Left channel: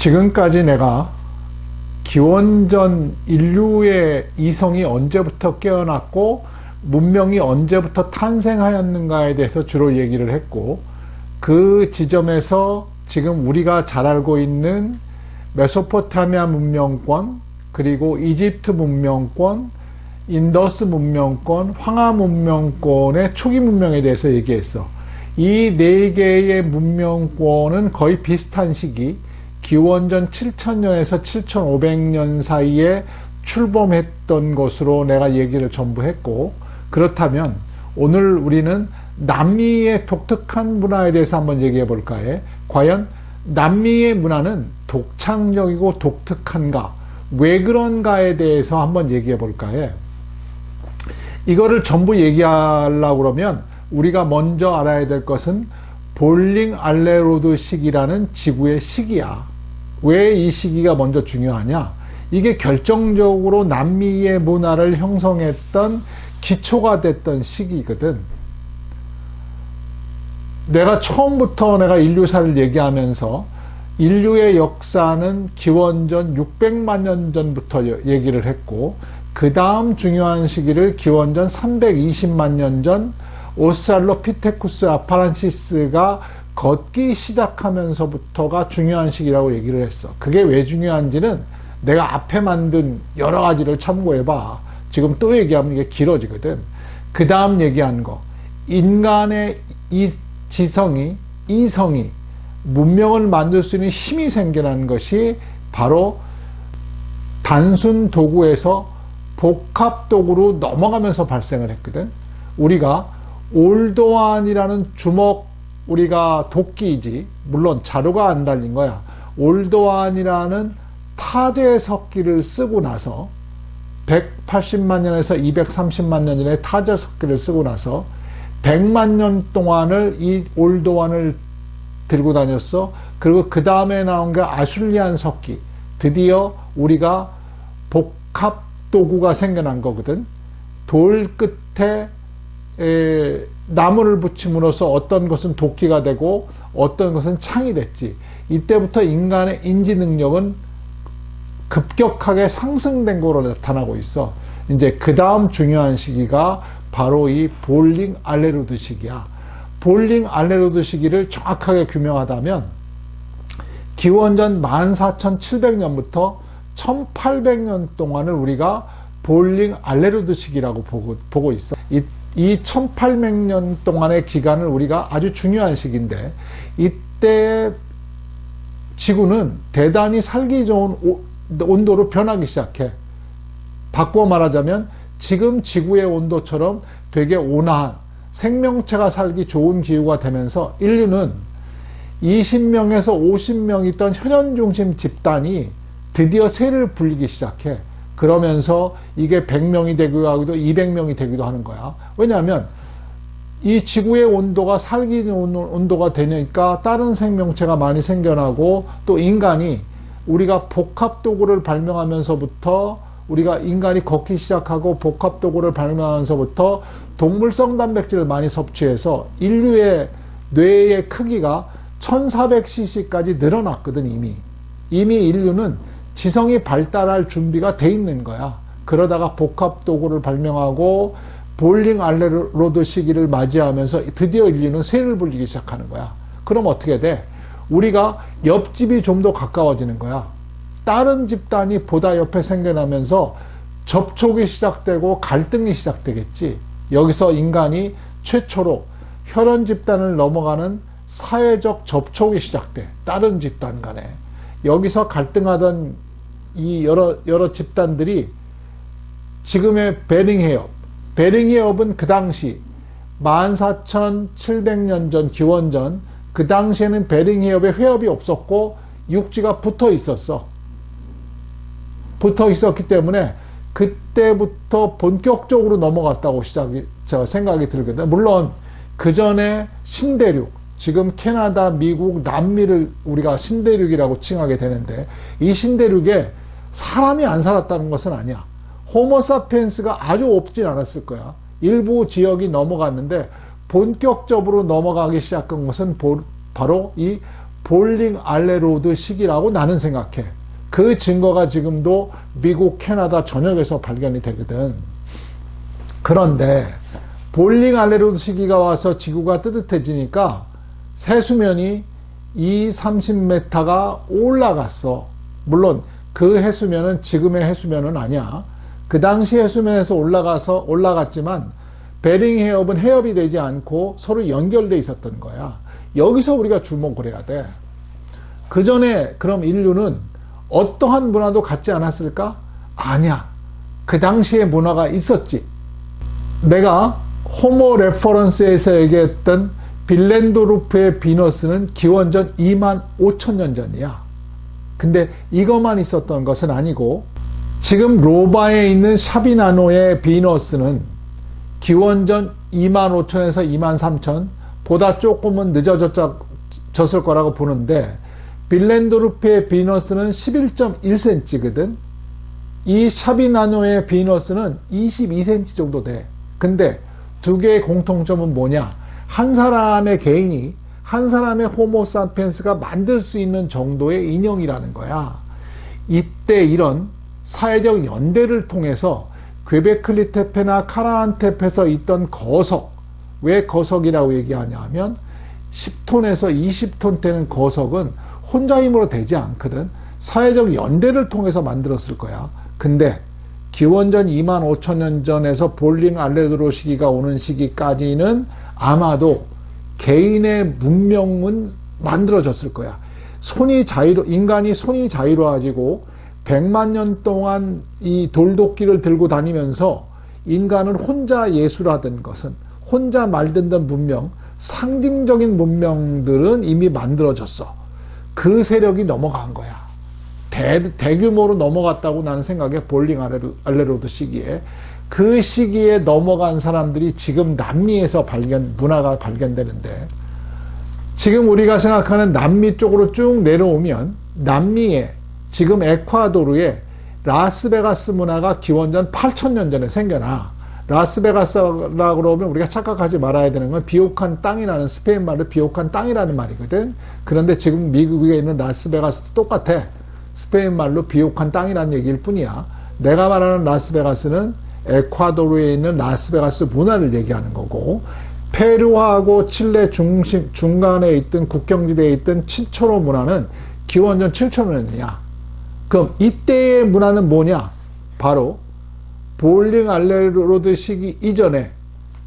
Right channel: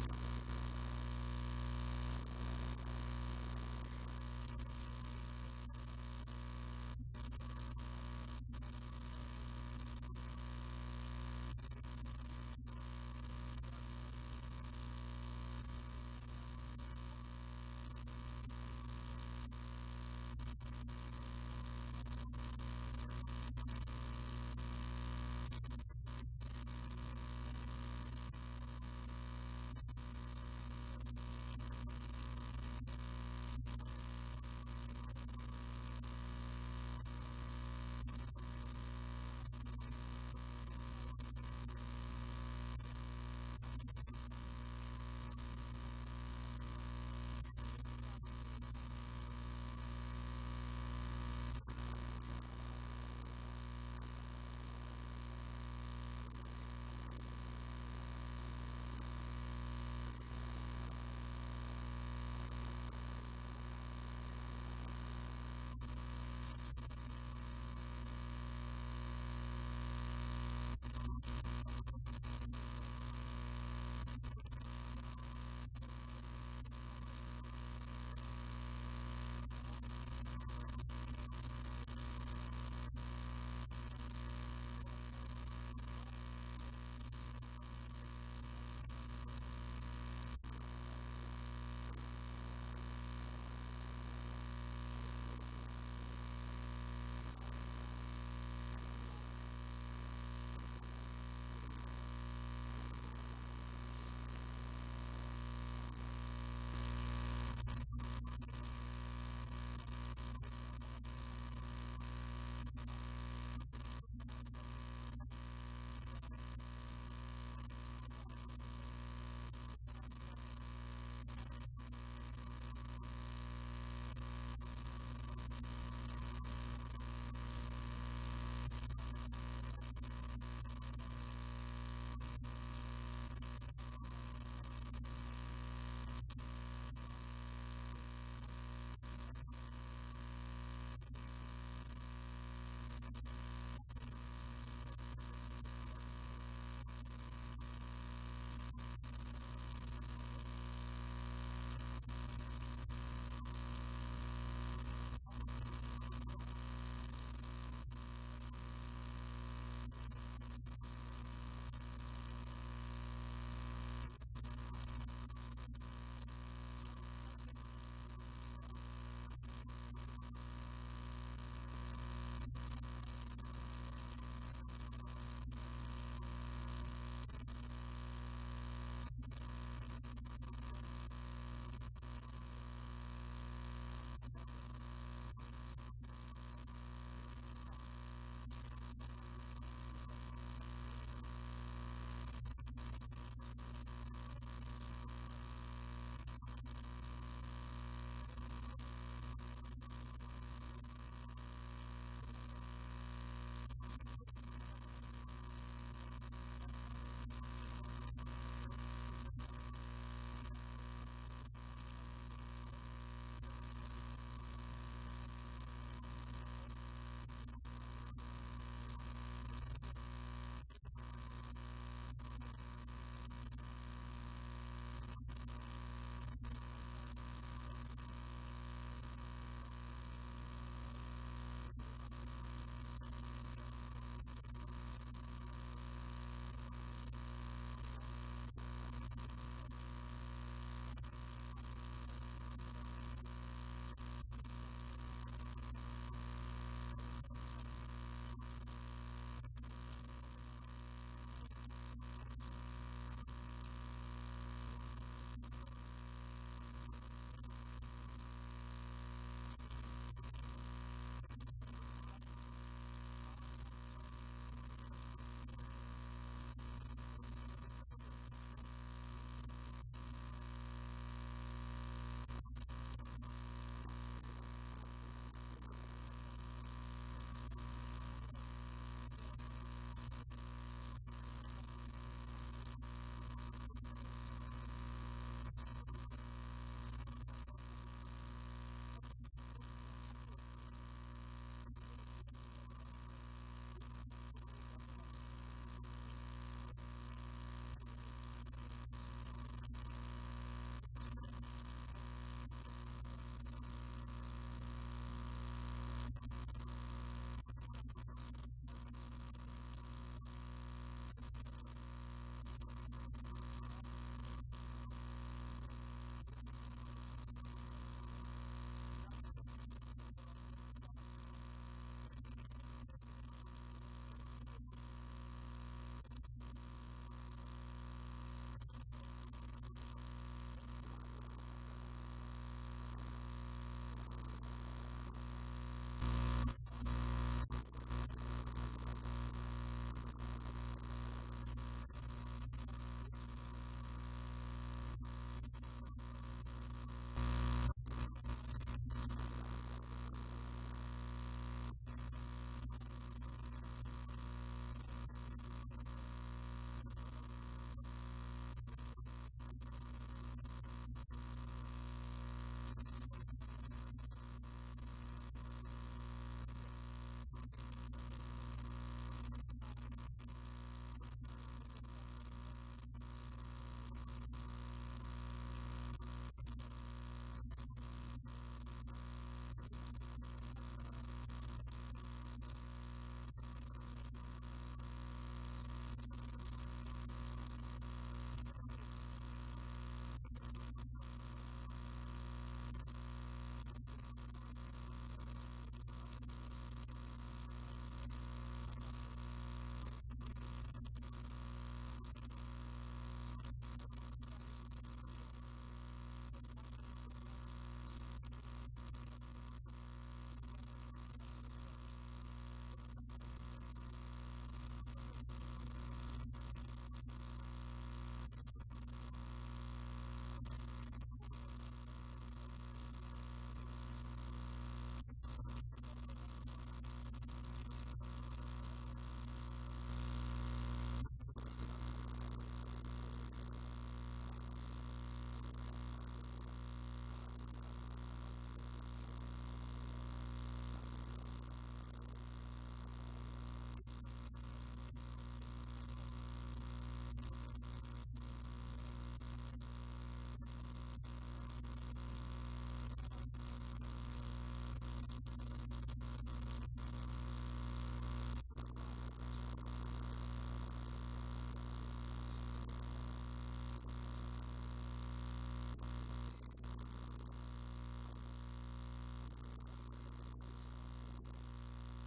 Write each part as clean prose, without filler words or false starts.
지금까지 내가 기원전 인류의 이성이 언제부터 깨어났고 문명이 언제부터 탄생하였는가에 대해서 주로 얘기를 했고, 그 지점에서 지금 우리가 잘 알고 있는 메소포타미아 문명권, 그리고 이집트 문명권, 인더스 문명권, 황하 문명권의 초기 문명에 대해서 얘기했어. 이 네 개의 문명권은 거의 비슷한 시기, 기원전 7000년에서 7500년 사이에 출범했던 것으로 내가 얘기를 전부 했고, 그렇다면 오늘 우리는 남미의 독특한 문화에 대해서 한번 얘기해 볼까 해. 과연 남미의 문화는 독창적이고 독특한가, 왜 그런가에 대해서 한번 얘기해 볼까 해. 이거를 전부 얘기하려고 그러면 우리가 먼저 알아야 될 것은 볼링 알레로드 시기라는 지구의 시기야. 왜 이 시기가 먼저 중요하냐? 이게 결정적으로 남미의 문화를 형성했던 기초가 됐던 시기거든. 내가 처음부터 내가 인류사를 얘기하면서 인류의 역사는 기원전 600만 년 전부터 얘기를 했고, 그 다음 중요한 시기를 기원전 320만 년 전 오스트랄로피테쿠스 아파란시스가 걷기 시작하면서부터가 중요한 시기라고 얘기를 했어. 그게 왜 중요한지는 내가 앞에 만든 여러 가지를 참고해봐. 지금 또 얘기하면 이게 길어지거든. 그 다음 얘기한 거, 인간의 이 지성이, 이성이 문명을 만들 수 있는 힘이 생겨난 것이 바로 단순 도구에서 복합 도구로 넘어가면서 발생을 했거든. 우리가 올도환이라는 주먹, 우리가 도끼이지, 물론 자루가 안 달린 거야. 올도환이라는 타제석기를 쓰고 나서 180만 년에서 230만 년 전에 타제석기를 쓰고 나서 100만 년 동안을 이 올도환을 들고 다녔어. 그리고 그 다음에 나온 게 아슐리안 석기. 드디어 우리가 복합 도구가 생겨난 거거든. 돌 끝에 나무를 붙임으로써 어떤 것은 도끼가 되고 어떤 것은 창이 됐지. 이때부터 인간의 인지 능력은 급격하게 상승된 거로 나타나고 있어. 이제 그 다음 중요한 시기가 바로 이 볼링 알레루드 시기야. 볼링 알레루드 시기를 정확하게 규명하다면 기원전 14,700년부터 1800년 동안을 우리가 볼링 알레루드 시기라고 보고 있어. 이 1800년 동안의 기간을 우리가 아주 중요한 시기인데, 이때 지구는 대단히 살기 좋은 온도로 변하기 시작해. 바꾸어 말하자면 지금 지구의 온도처럼 되게 온화한 생명체가 살기 좋은 기후가 되면서 인류는 20명에서 50명 있던 혈연 중심 집단이 드디어 새를 불리기 시작해. 그러면서 이게 100명이 되기도 하고 200명이 되기도 하는 거야. 왜냐하면 이 지구의 온도가 살기 좋은 온도가 되니까 다른 생명체가 많이 생겨나고, 또 인간이 우리가 복합 도구를 발명하면서부터, 우리가 인간이 걷기 시작하고 복합 도구를 발명하면서부터 동물성 단백질을 많이 섭취해서 인류의 뇌의 크기가 1400cc까지 늘어났거든. 이미 인류는 지성이 발달할 준비가 돼 있는 거야. 그러다가 복합 도구를 발명하고 볼링 알레로드 시기를 맞이하면서 드디어 인류는 새를 불리기 시작하는 거야. 그럼 어떻게 돼? 우리가 옆집이 좀 더 가까워지는 거야. 다른 집단이 보다 옆에 생겨나면서 접촉이 시작되고 갈등이 시작되겠지. 여기서 인간이 최초로 혈연 집단을 넘어가는 사회적 접촉이 시작돼. 다른 집단 간에. 여기서 갈등하던 이 여러 집단들이 지금의 베링해협은 그 당시 14,700년 전 기원전, 그 당시에는 베링해협에 회협이 없었고 육지가 붙어 있었어. 붙어 있었기 때문에 그때부터 본격적으로 넘어갔다고 생각이 들거든. 물론 그 전에 신대륙, 지금 캐나다, 미국, 남미를 우리가 신대륙이라고 칭하게 되는데, 이 신대륙에 사람이 안 살았다는 것은 아니야. 호모사피엔스가 아주 없진 않았을 거야. 일부 지역이 넘어갔는데 본격적으로 넘어가기 시작한 것은 바로 이 볼링 알레로드 시기라고 나는 생각해. 그 증거가 지금도 미국, 캐나다 전역에서 발견이 되거든. 그런데 볼링 알레로드 시기가 와서 지구가 뜨뜻해지니까 세수면이 30m가 올라갔어. 물론 그 해수면은 지금의 해수면은 아니야. 그 당시 해수면에서 올라갔지만 베링 해협은 해협이 되지 않고 서로 연결돼 있었던 거야. 여기서 우리가 주목을 해야 돼. 그 전에 그럼 인류는 어떠한 문화도 갖지 않았을까? 아니야. 그 당시에 문화가 있었지. 내가 호모 레퍼런스에서 얘기했던 빌렌도르프의 비너스는 기원전 25,000년 전이야. 근데 이것만 있었던 것은 아니고 지금 로바에 있는 샤비나노의 비너스는 기원전 25,000에서 23,000 보다 조금은 늦어졌을 거라고 보는데 빌렌도르프의 비너스는 11.1cm거든. 이 샤비나노의 비너스는 22cm 정도 돼. 근데 두 개의 공통점은 뭐냐? 한 사람의 개인이 한 사람의 호모사피엔스가 만들 수 있는 정도의 인형이라는 거야. 이때 이런 사회적 연대를 통해서 괴베클리 테페나 카라한 테페에서 있던 거석, 왜 거석이라고 얘기하냐 하면 10톤에서 20톤 되는 거석은 혼자 힘으로 되지 않거든. 사회적 연대를 통해서 만들었을 거야. 근데 기원전 25,000년 전에서 볼링 알레르도 시기가 오는 시기까지는 아마도 개인의 문명은 만들어졌을 거야. 인간이 손이 자유로워지고 100만 년 동안 이 돌도끼를 들고 다니면서 인간은 혼자 예술하던 것은 혼자 말듣던 문명, 상징적인 문명들은 이미 만들어졌어. 그 세력이 넘어간 거야. 대규모로 넘어갔다고 나는 생각해. 볼링 알레로드 시기에. 그 시기에 넘어간 사람들이 지금 남미에서 문화가 발견되는데, 지금 우리가 생각하는 남미 쪽으로 쭉 내려오면 남미에 지금 에콰도르에 라스베가스 문화가 기원전 8,000년 전에 생겨나. 라스베가스라고 그러면 우리가 착각하지 말아야 되는 건 비옥한 땅이라는, 스페인 말로 비옥한 땅이라는 말이거든. 그런데 지금 미국에 있는 라스베가스도 똑같아. 스페인 말로 비옥한 땅이라는 얘기일 뿐이야. 내가 말하는 라스베가스는 에콰도르에 있는 라스베가스 문화를 얘기하는 거고, 페루하고 칠레 중간에 있던 국경지대에 있던 친초로 문화는 기원전 7,000년이야. 그럼 이때의 문화는 뭐냐? 바로 볼링 알레로드 시기 이전에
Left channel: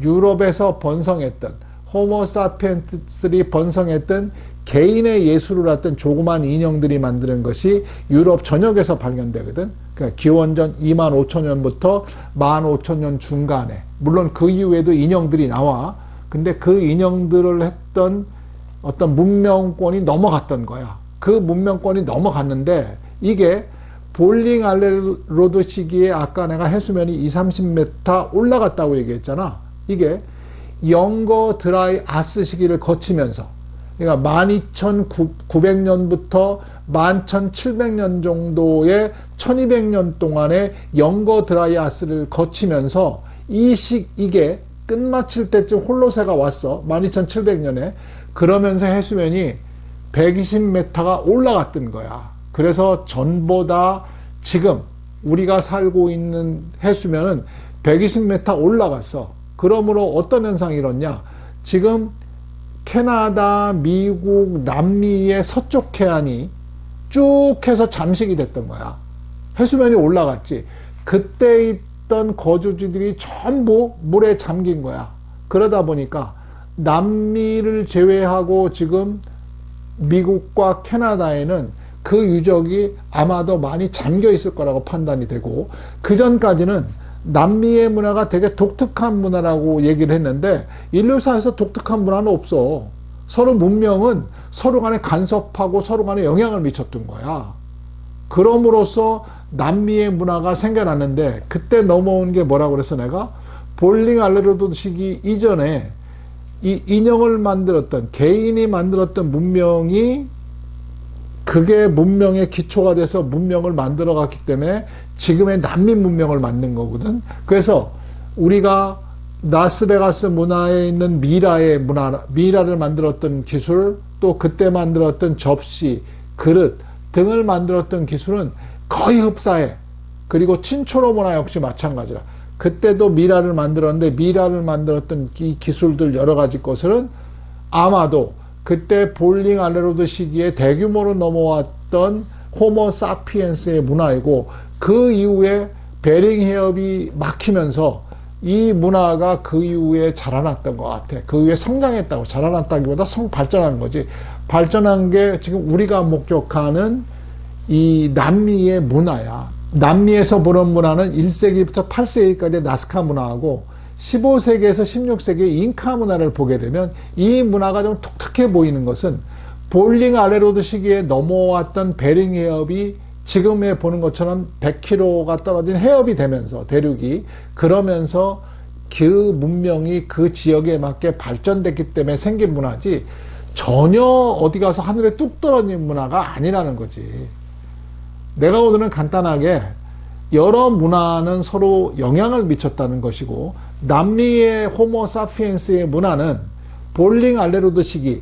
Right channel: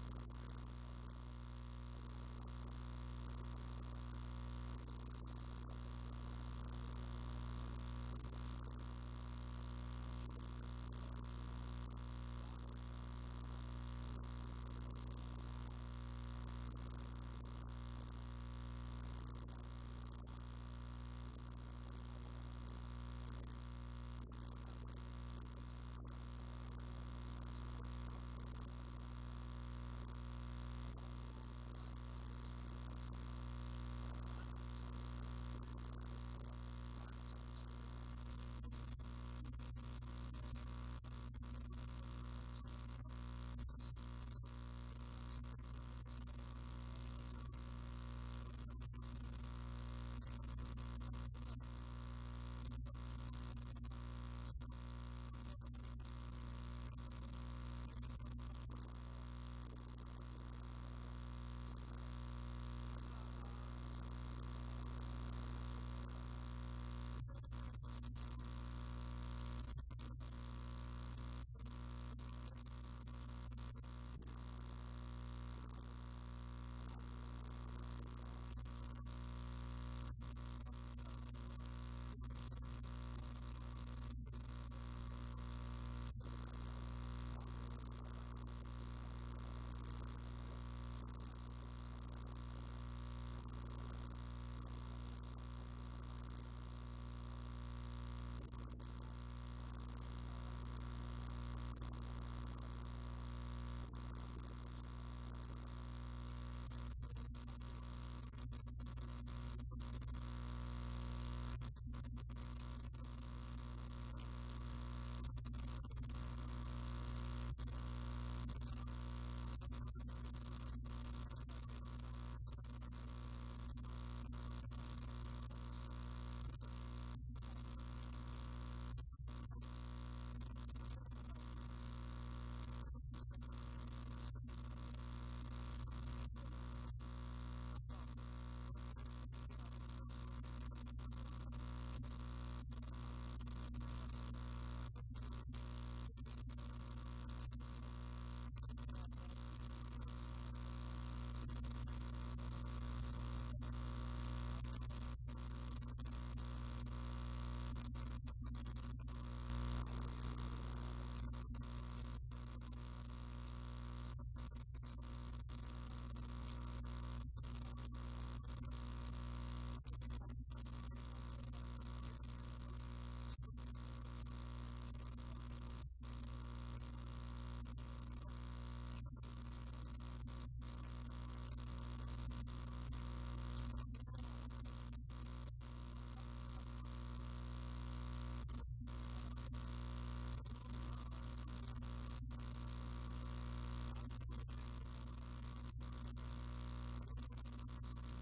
유럽에서 번성했던 호모사피엔스들이 번성했던 개인의 예술을 했던 조그만 인형들이 만드는 것이 유럽 전역에서 발견되거든. 그러니까 기원전 25,000년부터 15,000년 중간에, 물론 그 이후에도 인형들이 나와. 근데 그 인형들을 했던 어떤 문명권이 넘어갔던 거야. 그 문명권이 넘어갔는데 이게 볼링 알레로드 시기에 아까 내가 해수면이 20-30m 올라갔다고 얘기했잖아. 이게 영거 드라이 아스 시기를 거치면서, 그러니까 12,900년부터 11,700년 정도의 1200년 동안의 영거 드라이 아스를 거치면서 이게 끝마칠 때쯤 홀로세가 왔어. 12,700년에. 그러면서 해수면이 120m가 올라갔던 거야. 그래서 전보다 지금 우리가 살고 있는 해수면은 120m 올라갔어. 그러므로 어떤 현상이 일어났냐? 지금 캐나다, 미국, 남미의 서쪽 해안이 쭉 해서 잠식이 됐던 거야. 해수면이 올라갔지. 그때 있던 거주지들이 전부 물에 잠긴 거야. 그러다 보니까 남미를 제외하고 지금 미국과 캐나다에는 그 유적이 아마도 많이 잠겨 있을 거라고 판단이 되고, 그 전까지는 남미의 문화가 되게 독특한 문화라고 얘기를 했는데 인류사에서 독특한 문화는 없어. 서로 문명은 서로 간에 간섭하고 서로 간에 영향을 미쳤던 거야. 그럼으로써 남미의 문화가 생겨났는데, 그때 넘어온 게 뭐라고 그래서 내가 볼링 알레르도 시기 이전에 이 인형을 만들었던, 개인이 만들었던 문명이 그게 문명의 기초가 돼서 문명을 만들어 갔기 때문에 지금의 남미 문명을 만든 거거든. 그래서 우리가 라스베가스 문화에 있는 미라를 만들었던 기술, 또 그때 만들었던 접시, 그릇 등을 만들었던 기술은 거의 흡사해. 그리고 친초로 문화 역시 마찬가지라. 그때도 미라를 만들었는데 미라를 만들었던 이 기술들 여러 가지 것들은 아마도 그때 볼링 알레로드 시기에 대규모로 넘어왔던 호모 사피엔스의 문화이고, 그 이후에 베링 해협이 막히면서 이 문화가 그 이후에 자라났던 것 같아. 그 이후에 성장했다고, 자라났다기보다 발전한 거지. 발전한 게 지금 우리가 목격하는 이 남미의 문화야. 남미에서 보는 문화는 1세기부터 8세기까지 나스카 문화하고 15세기에서 16세기 잉카 문화를 보게 되면 이 문화가 좀 독특해 보이는 것은 볼링 알레로드 시기에 넘어왔던 베링 해협이 지금에 보는 것처럼 100km가 떨어진 해협이 되면서 대륙이 그러면서 그 문명이 그 지역에 맞게 발전됐기 때문에 생긴 문화지, 전혀 어디 가서 하늘에 뚝 떨어진 문화가 아니라는 거지. 내가 오늘은 간단하게 여러 문화는 서로 영향을 미쳤다는 것이고, 남미의 호모 사피엔스의 문화는 볼링 알레로드 시기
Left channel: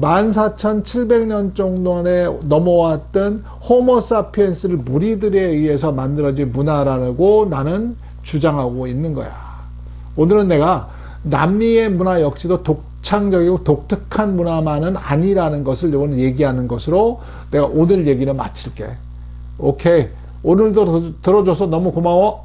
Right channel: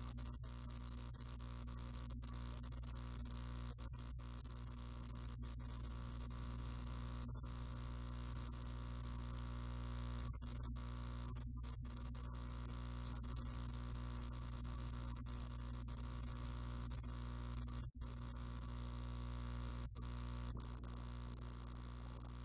14,700년 정도에 넘어왔던 호모 사피엔스를 무리들에 의해서 만들어진 문화라고 나는 주장하고 있는 거야. 오늘은 내가 남미의 문화 역시도 독창적이고 독특한 문화만은 아니라는 것을 오늘 얘기하는 것으로 내가 오늘 얘기를 마칠게. 오케이. 오늘도 들어줘서 너무 고마워.